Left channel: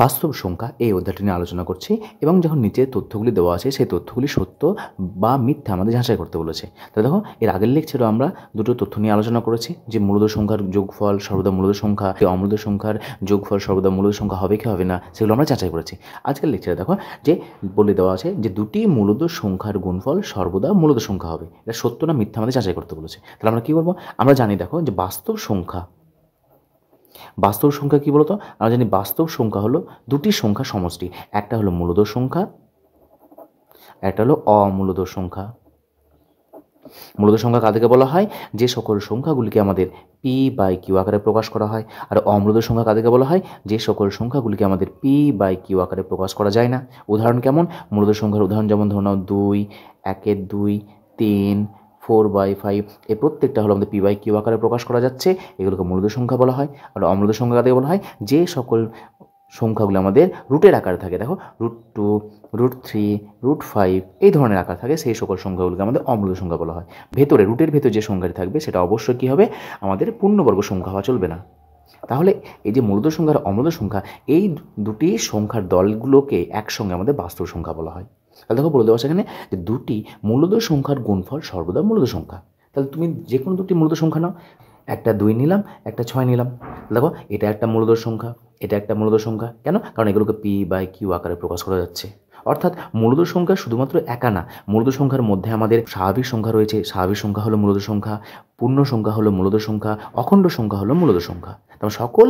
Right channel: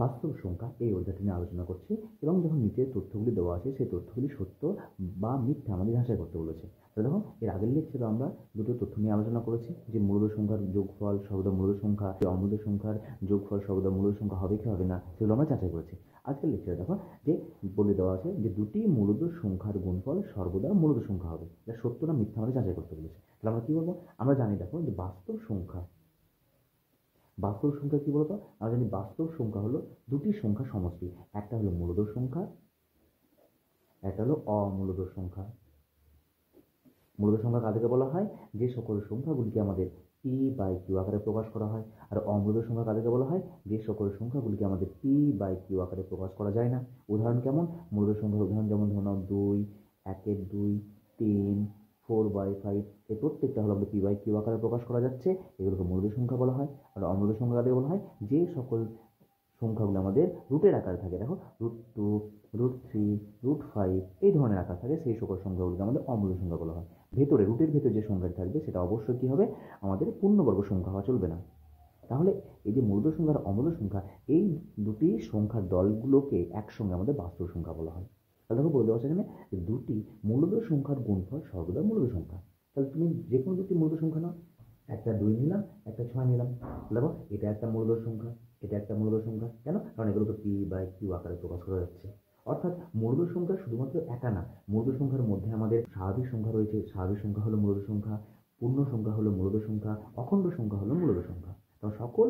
বাস্তব সংখ্যা এই অধ্যায়টি নিয়ে আলোচনা করছি এবং যখন নিচে তথ্যগুলি দেওয়া আছে সেই তথ্যগুলি সত্য বা মিথ্যা আমাদের যাচাই করতে বলেছে। তো দেখো, এর আগের লেকচারে আমরা দুটো তথ্য নিয়ে আলোচনা করেছি যে মূলদ সংখ্যার যোগফল সর্বদা মূলদ সংখ্যা, অমূলদ সংখ্যার যোগফল সর্বদা মূলদ সংখ্যা হবে কি হবে না, সেগুলো আমরা যাচাই করেছি। আজকের লেকচারে দেখো যে বলে দেওয়া আছে যে দুটি মূলদ সংখ্যার গুণফল সর্বদা মূলদ সংখ্যা হবে। এটা সত্য না মিথ্যা আমাদের যাচাই করতে বলেছে। তাহলে আমরা কী করবো? আমরা জানি দেখো যে বাস্তব সংখ্যা কী বলতো? আমরা জানি বাস্তব সংখ্যা হলো দুটি সংখ্যা সমষ্টি। একটা হলো মূলদ সংখ্যা, একটা হলো অমূলদ সংখ্যা। মূলদ সংখ্যা কাদেরকে বলা হয়? যে সকল সংখ্যাগুলিকে আমাদের পি বাই কিউ আকারে প্রকাশ করা হয়। আর অমূলদ সংখ্যা কাদেরকে বলা হয়? যে সকল সংখ্যাগুলিকে আমাদের পি বাই কিউ আকারে প্রকাশ করা যায় না। উদাহরণ কেমন? মূলদ সংখ্যার উদাহরণ যেমন ধরো নাও 2, 1-এর 2, 3, 4/5, এই প্রত্যেকটা হলো আমাদের পি বাই কিউ আকারে প্রকাশ করা যাচ্ছে, এগুলোকে মূলদ সংখ্যা বলা হয়। আর অমূলদ সংখ্যা কাদেরকে বলা হয়? যে সকল সংখ্যাগুলো আমাদের রুটের আকারে থাকে, দেখো √2, √3, √5 এই ধরনের আকার থাকে, সেই সকল সংখ্যাগুলোকে আমাদের অমূলদ সংখ্যা বলা হয়। রুটের ভেতরে যে সংখ্যাটি থাকবে সেটা অবশ্যই কী হবে? আমাদের পূর্ণবর্গ সংখ্যা হওয়া চলবে না। তাহলে এই যে মূলদ সংখ্যা আর অমূলদ সংখ্যা, এই দুটি সংখ্যার দলগুলোকে একসঙ্গে আমাদের বাস্তব সংখ্যা বলা হয়। তাহলে দেখো বলে দেওয়া সেখানে যে দুটি মূলদ সংখ্যার গুণফল সর্বদা মূলদ সংখ্যা। তাহলে তুমি যে কোনো দুটি মূলদ সংখ্যা নাও, একটা 2 নিলাম, একটা 6 নিলাম। দেখো এটা একটা মূলদ সংখ্যা, এটা একটা মূলদ সংখ্যা। কেন? কারণ এগুলোকে পি বাই কিউ আকারে প্রকাশ করা যাচ্ছে। অর্থাৎ মূলদ সংখ্যা শুধুমাত্র একা না, মূলদ সংখ্যার মধ্যে আমাদের স্বাভাবিক সংখ্যা রয়েছে, স্বাভাবিক সংখ্যা হলো মূলদ সংখ্যা, পূর্ণ সংখ্যা হলো মূলদ সংখ্যা, অখণ্ড সংখ্যা হলো মূলদ সংখ্যা। তবে সকল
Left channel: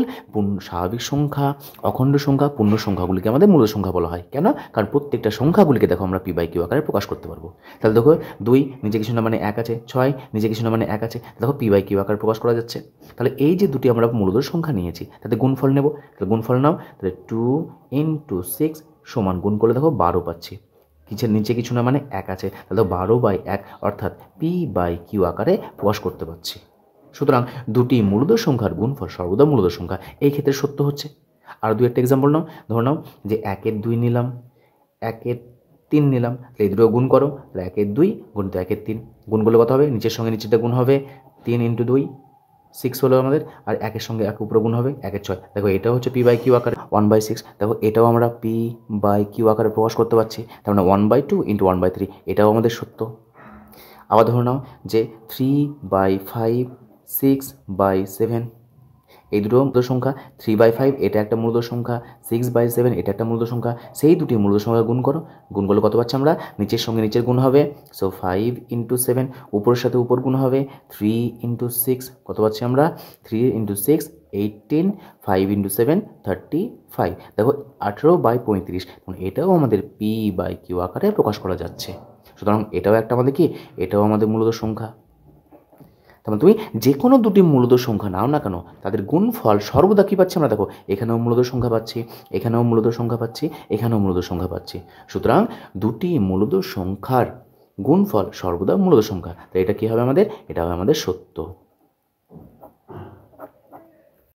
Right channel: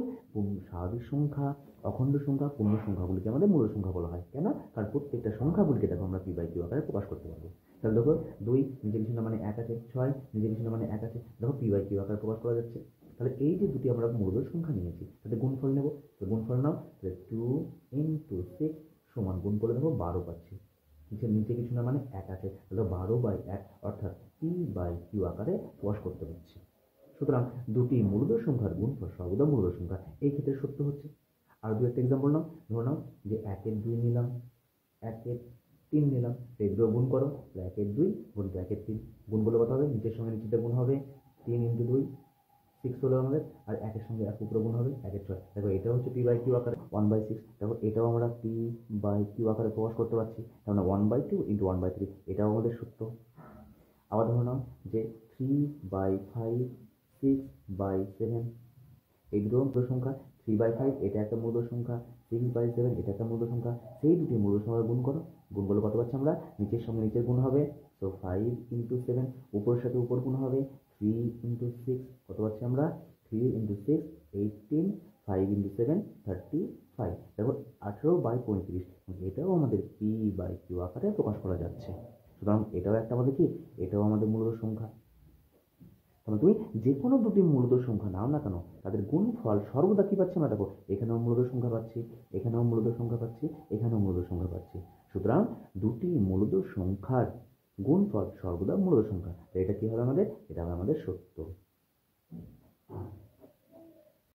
স্বাভাবিক সংখ্যা, অখণ্ড সংখ্যা, পূর্ণ সংখ্যাগুলিকে আমাদের মূলদ সংখ্যা বলা হয়। কেন? কারণ প্রত্যেকটা সংখ্যাগুলিকে দেখো আমরা পি বাই কিউ আকারে প্রকাশ করতে পারবো। তাহলে দেখো 2 নিচে কিছু না মানে 1 আছে, 6 নিচে কিছু না মানে 1 আছে, দেখো পি বাই কিউ আকারে প্রকাশ করা যাচ্ছে। তাহলে এই যে দুটি আমরা মূলদ সংখ্যা নিয়েছি তাতে গুণফল নেব। তাহলে গুণফল নাও, তাহলে 2 × 6 সমান গুণ করলে দেখো 12 পাচ্ছি। নিচে কিছু না মানে 1 আছে, তাহলে 12/1 অর্থাৎ পি বাই কিউ আকারে প্রকাশ করতে পারছি। সুতরাং দুটি মূলদ সংখ্যার গুণফল সর্বদা মূলদ সংখ্যা, এই ক্ষেত্রে সত্য হচ্ছে। আর দু একটা এক্সাম্পল নাও, ধরে নাও যে 1-এর 2 নিলাম, 1-এর 3 নিলাম, এই দুটো গুণ করো। তাহলে 1-এর 2 গুণিত 1-এর 3, গুণ করলে কত হবে? নিচের সঙ্গে নিচেরটা গুণ হবে, 3 × 2 6 হলো আমাদের, আর 1-এর সঙ্গে 1 উপরে গুণ হবে, 1-এর 6। দেখো এটাও হচ্ছে পি বাই কিউ আকারে 1/6। দেখো এটাও আমরা পি বাই কিউ আকারে প্রকাশ করতে পারছি, তার মানে 1/2 × 1/3, এটাও আমাদের সত্য। আবার ধরে নাও যে 3/5, 6/7, এই দুটো মূলদ সংখ্যা। 3/5 এটা একটা মূলদ সংখ্যা, 6/7 এটা একটা মূলদ সংখ্যা। সেই দুটি মূলদ সংখ্যা গুণ করো, গুণ করলে কত পাচ্ছি আমরা? নিচের সঙ্গে নিচের গুণ হবে, সো 5 × 7, উপরের সাথে উপর গুণ হবে, 3 × 6, কত পাচ্ছি আমরা? 3 × 6 18, 5 × 7 35। দেখো 18/35, এটাও আমাদের পি বাই কিউ আকারে প্রকাশ করা যাচ্ছে। সুতরাং এটাও একটা আমাদের কি? এটাও আমাদের মূলদ সংখ্যা। তারপর তুমি যে কোনো দুটি মূলদ সংখ্যা নাও না কেন, তাদের গুণফল সর্বদা কী পাচ্ছি আমরা? দেখো এখানেও মূলদ সংখ্যা পাচ্ছি, এখানেও মূলদ সংখ্যা পাচ্ছি, এখানেও মূলদ সংখ্যা পাচ্ছি। সুতরাং দুটি মূলদ সংখ্যার গুণফল সর্বদা মূলদ সংখ্যা। তাই এটা কী হবে আমাদের? এটা হবে আমাদের সত্য।